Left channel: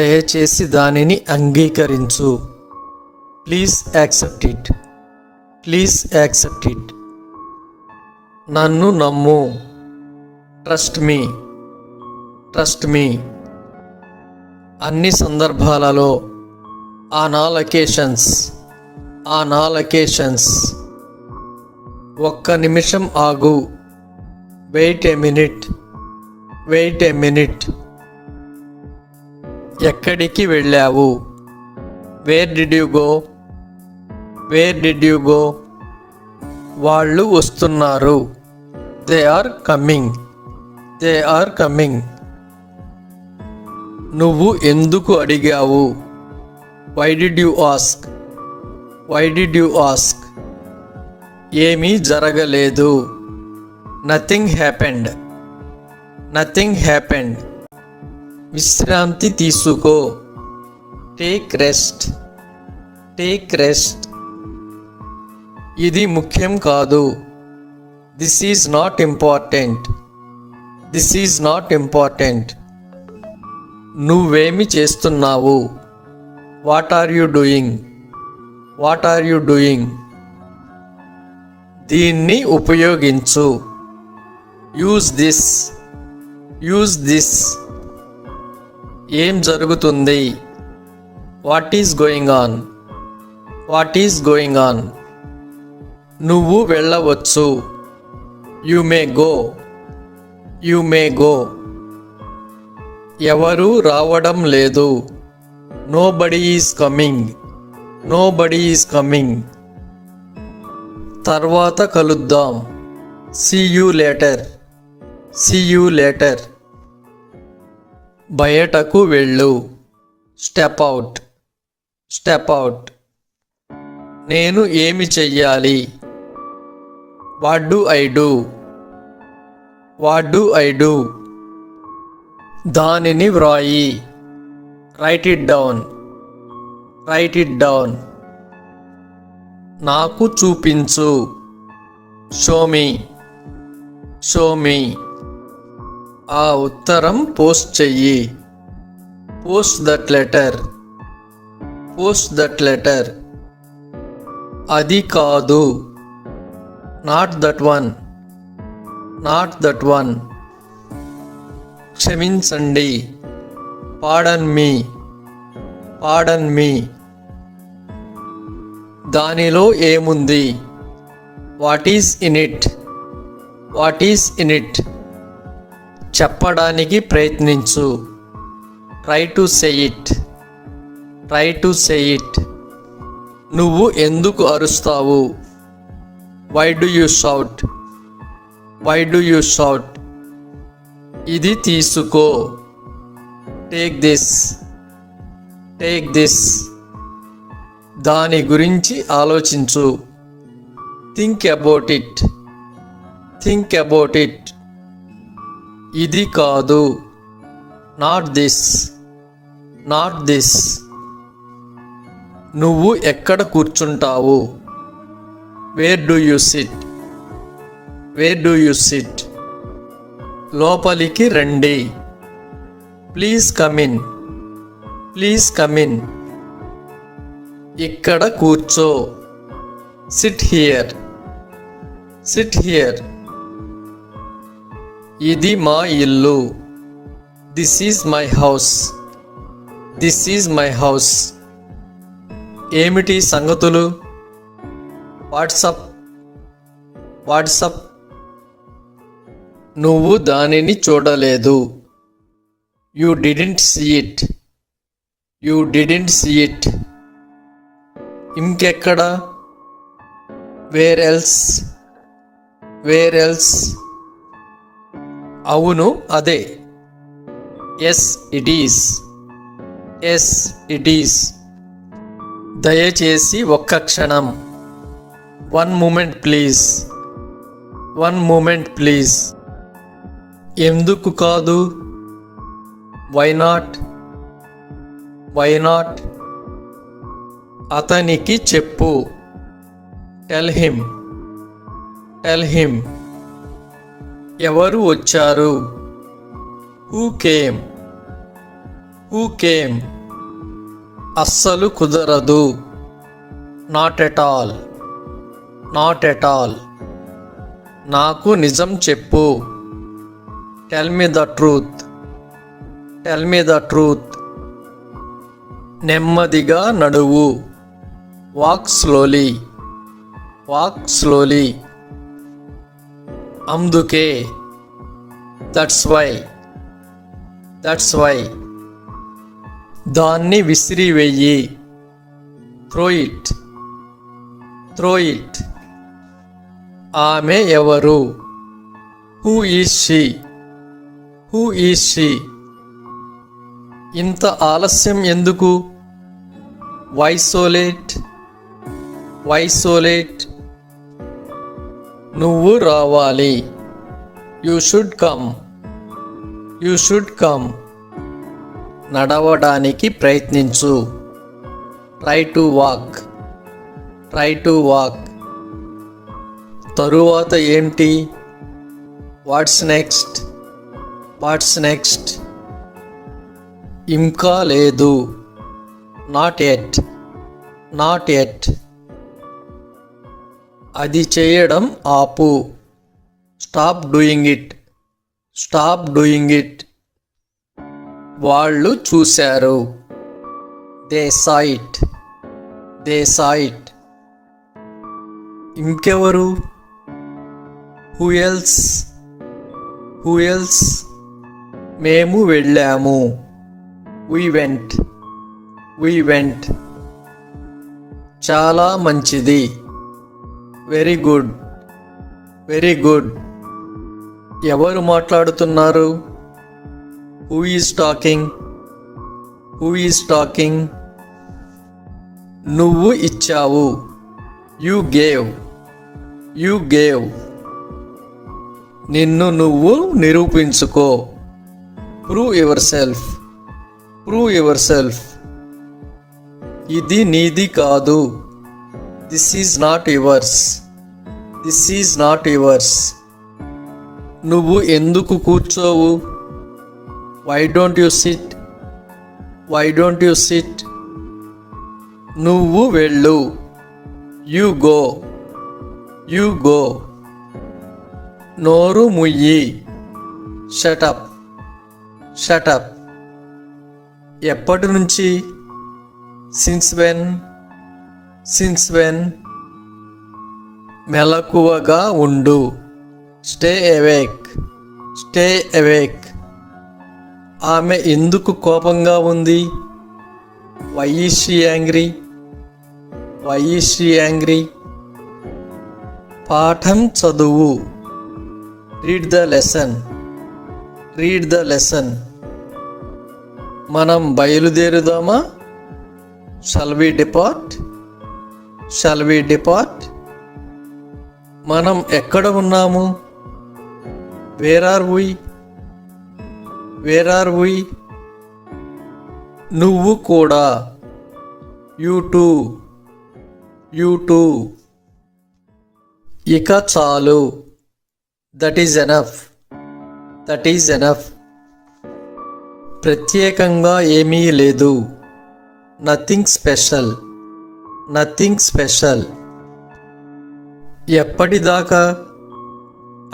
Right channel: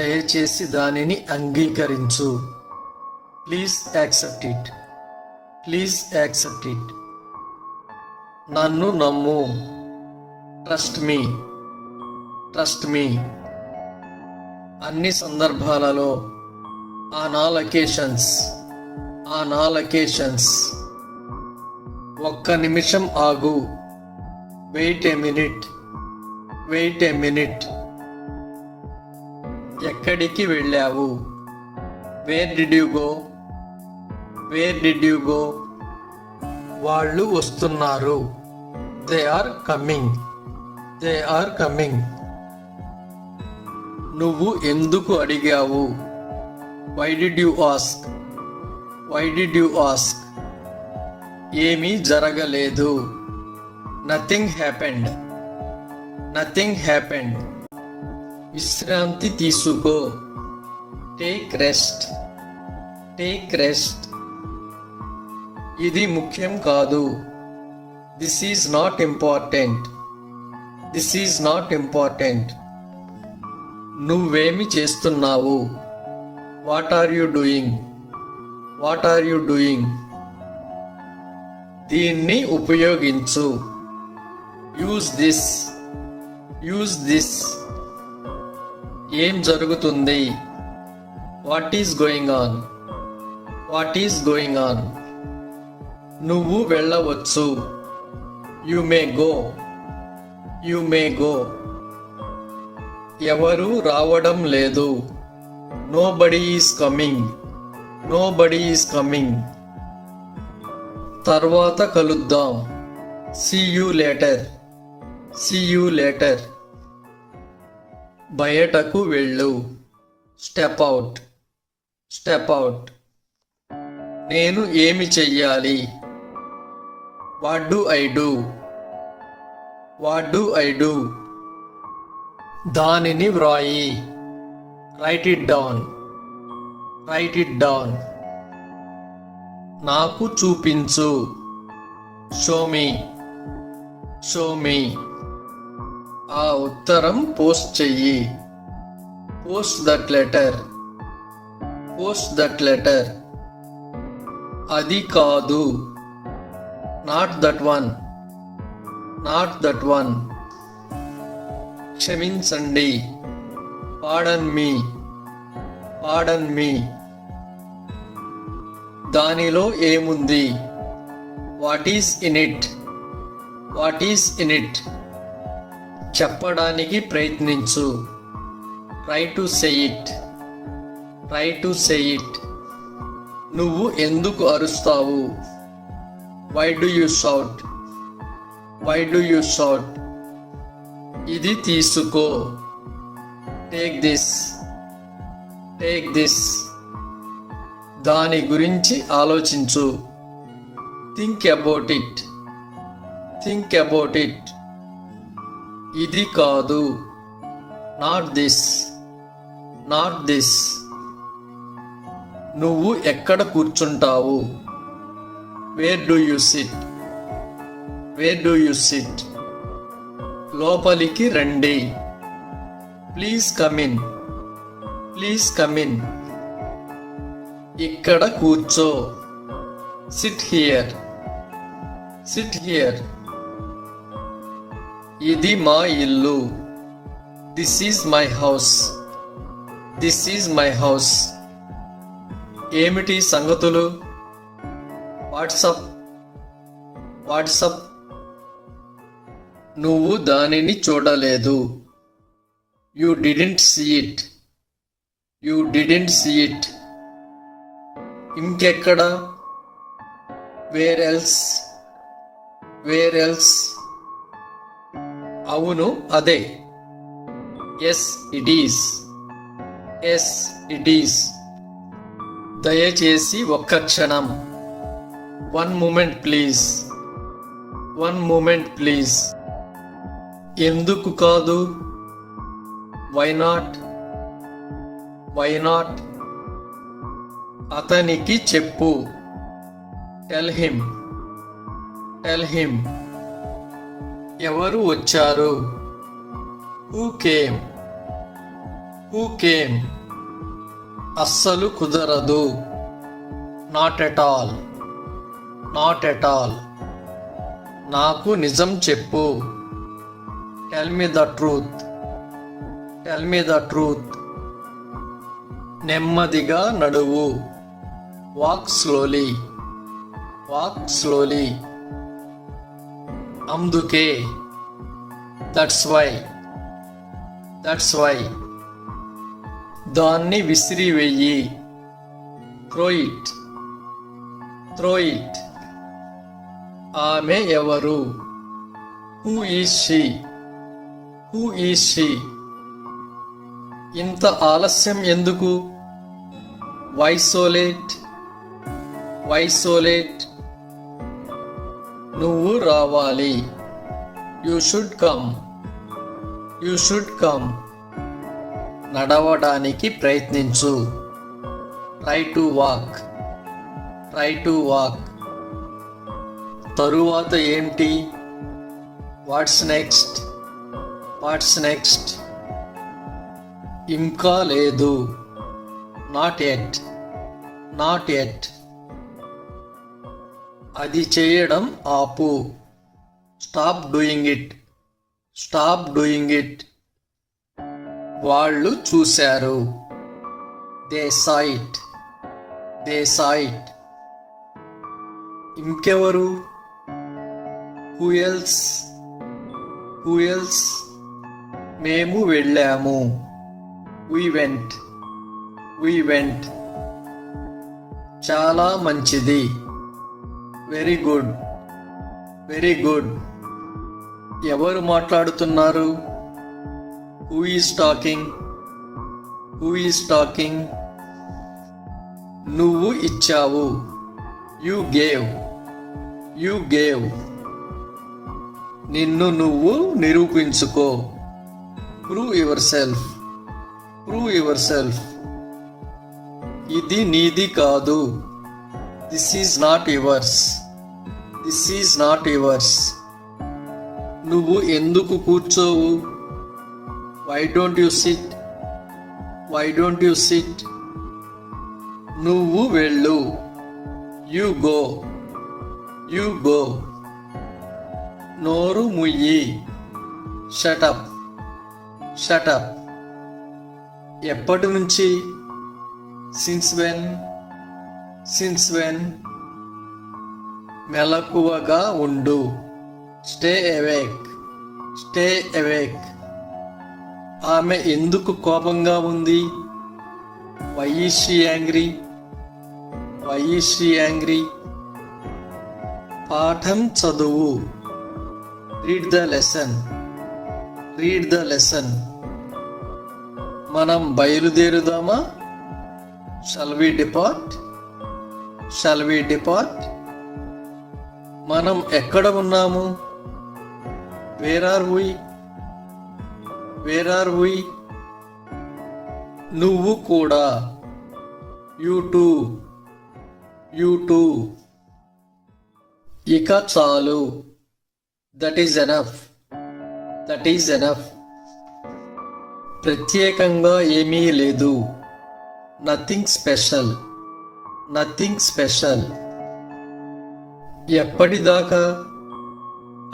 దయచేసి దానిని అంగీకరించు. Please accept it. Please accept it. నన్ను నమ్ము. Trust me. Trust me. అన్ని సందర్భాలలో ఆన్ ఆల్ అకేషన్స్. ఒక్క నిమిషం ఆగు. Wait a minute. ఎక్కడికి వెళ్ళావు? Where did you go? వాళ్ళు వస్తున్నారు. They are coming. నువ్వు ఎందుకు అడిగావు? Why did you ask? ఏమీ జరగలేదు. Nothing happened. విశ్రాంతి తీసుకో. Take rest. ఇది ముఖ్యం కాదు. This is not important. నువ్వేమి చేస్తున్నావు? What are you doing? దీన్ని ఉపయోగించు. Use this. ఏం జరుగుతుంది? What is going on? నువ్వు వెళ్ళవచ్చు. You may go. ఎవరూ రావడం లేదు. Nobody is coming. తర్వాత కలుద్దాం. See you later. బయటకు వెళ్ళు. Step out. నేను ఏమి చెయ్యాలి? What do I do? దానిని వ్రాయి. Write it down. నాకు చూపించు. Show me. ఆ ఉత్తరం పోస్ట్ చెయ్యి. Post that letter. అది కాదు. Not that one. క్షమించండి. Pardon me. దానిలో ఏముంది? What is in it? చెప్పడానికి ప్రయత్నించు. Try to say it. నువ్వు ఎందుకు అరుస్తావు? Why do you shout? ఇది తీసుకో. Take this. దాని గురించి ఆలోచించు. Think about it. ఇది కాదు. Not this. నువ్వు ఎక్కడ కూర్చుంటావు? Where do you sit? లోపలికి రండి. Please come in. ఇక్కడ కూర్చో. Sit here. ఇది మా ఇల్లు. This is my house. ఏమిటి సంగతులు? వాట్సప్. నువ్వు దానిని చూడలేదు. You didn't see it. ఇంకెక్కడ? Where else? అవును, అదే. Yes it is. దయచేసి ఒక్క క్షణం. One moment please. ఎందుకు కాదు? Why not? అతనికి చెప్పు. Tell him. ఎవరు వచ్చారు? హూ హూ కేమ్, అస్సలు కుదరదు. Not at all, not at all. నాకు నిజం చెప్పు. Tell me the truth, tell me the truth. నెమ్మదిగా నడువు. Walk slowly, walk slowly. అందుకే, దట్స్ వై, దట్స్ వై. దాన్ని విసిరివెయ్యి. Throw it, throw it. ఆమె ఎవరు? Who is she, who is she. ఇంత ఆలస్యం ఎందుకు? Why so late, why so late. నువ్వు రావాలి. You should come, you should come. నడవడానికి ప్రయత్నించు. Try to walk, try to walk. తరువాత ఏంటి? What's next, what's next. ఇంకా లేదు. Not at, not at. అది చేయడం ఆపు. Stop doing it, stop doing it. వాళ్ళు చూశారు. They saw it, they saw it. ఇంకెవరు? Who else, who else. మేము వెళ్ళాము. We went, we went. చాలా మంచిది. Very good, very good. ఎవరు మాట్లాడుతున్నారు? Who is talking, who is talking. నువ్వు ఇచ్చావు. You gave, you gave. నిన్ను నువ్వు నిరూపించుకో. Prove yourself, prove yourself. ఇది నీది కాదు. This is not yours, this is not yours. నువ్వు ఎందుకు కూర్చోవు? Why don't you sit, why don't you sit. నువ్వు వెళ్ళు. You go, you go. నోరు ముయ్యి. Shut up, shut up. ఎప్పటి నుంచి? Since when, since when. మెలకువగా ఉండు. Stay awake, stay awake. ఆమె ఎందుకు కోపంగా ఉంది? Why is she angry, why is she angry. పాఠం చదువు. Read the lesson, read the lesson. మనం బయలుదేరుదామా? Shall we depart, shall we depart. మనం ఎక్కడ ఉన్నాము? Where are we, where are we. నువ్వు కూడా. You too, you too. ఇక చాలు. That is enough, that is enough. ప్రత్యేకంగా ఏమీ లేదు. Nothing special, nothing special. ఎప్పటిదాకా?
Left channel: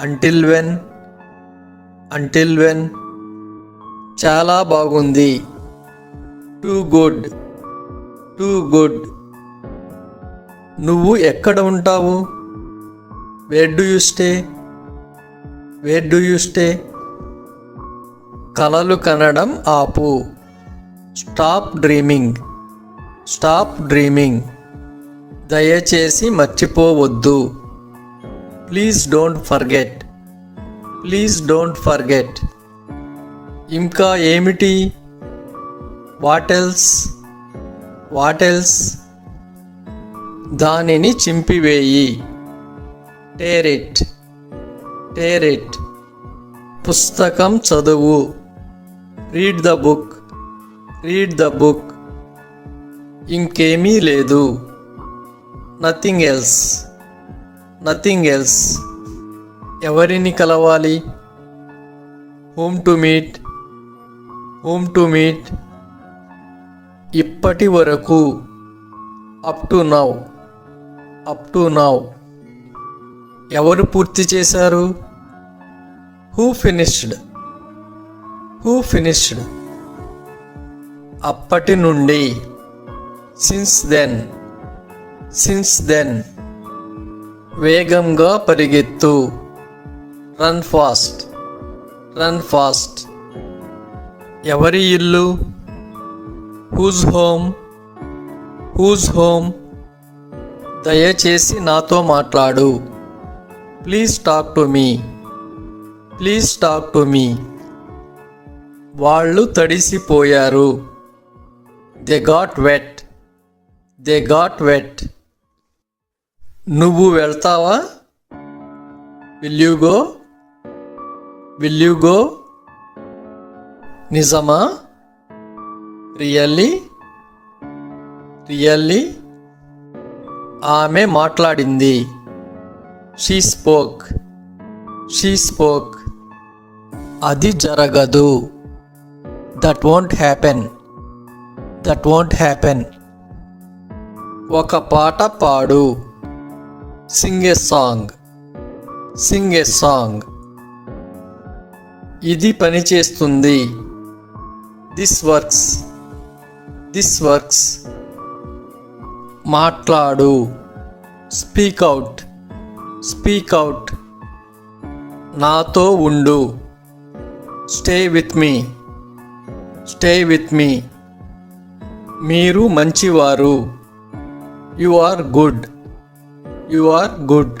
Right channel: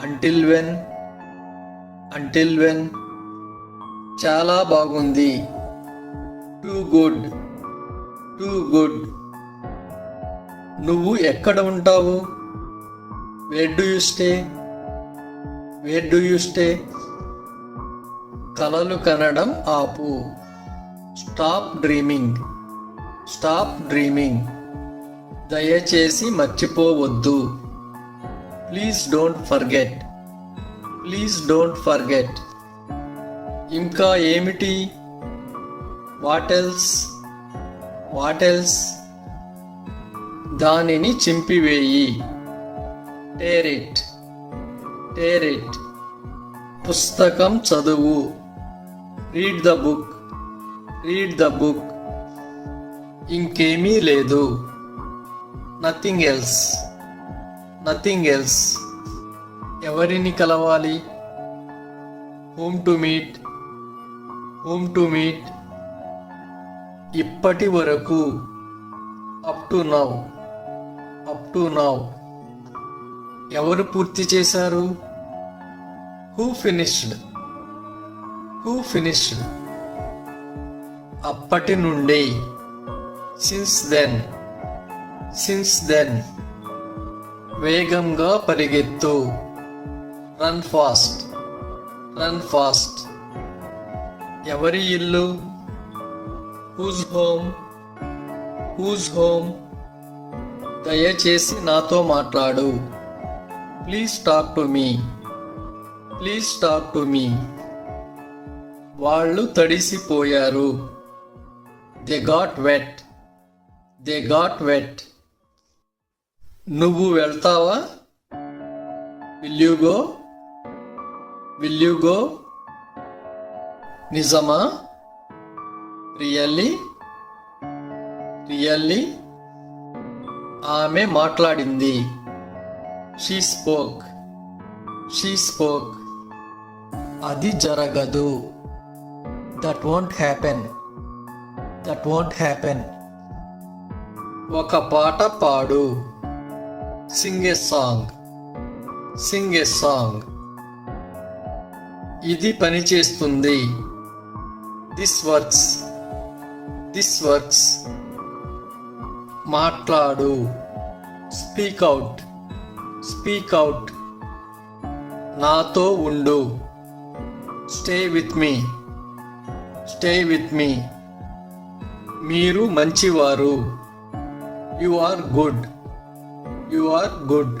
Until when, until when. చాలా బాగుంది. Too good, too good. నువ్వు ఎక్కడ ఉంటావు? Where do you stay, where do you stay. కలలు కనడం ఆపు. Stop dreaming, stop dreaming. దయచేసి మర్చిపోవద్దు. Please don't forget, please don't forget. ఇంకా ఏమిటి? What else, what else. దానిని చింపివేయి. Tear it, tear it. పుస్తకం చదువు. Read the book, read the book. ఇంకేమీ లేదు. Nothing else, nothing else. ఎవరిని కలవాలి? Whom to meet, whom to meet. ఇప్పటి వరకు, up to now, up to now. ఎవరు పూర్తి చేశారు? Who finished, who finished. అప్పటి నుండి, సిన్స్ దెన్, సిన్స్ దెన్. వేగంగా పరిగెత్తు, రన్ ఫాస్ట్, రన్ ఫాస్ట్. ఎవరి ఇల్లు? Whose home, whose home. దయచేసి నాతో మాట్లాడు, please talk to me, please talk to me. వాళ్ళు తడిసిపోయారు, they got wet, they got wet. నువ్వు వెళ్తావా? Will you go, will you go. నిజమా? Really, really. ఆమె మాట్లాడింది, షీ స్పోక్, షీ స్పోక్. అది జరగదు, that won't happen, that won't happen. ఒక పాట పాడు, sing a song, sing a song. ఇది పని చేస్తుంది, దిస్ వర్క్స్, దిస్ వర్క్స్. మాట్లాడు, స్పీక్ అవుట్, స్పీక్ అవుట్. నాతో ఉండు, stay with me, stay with me. మీరు మంచివారు, you are good, you are good.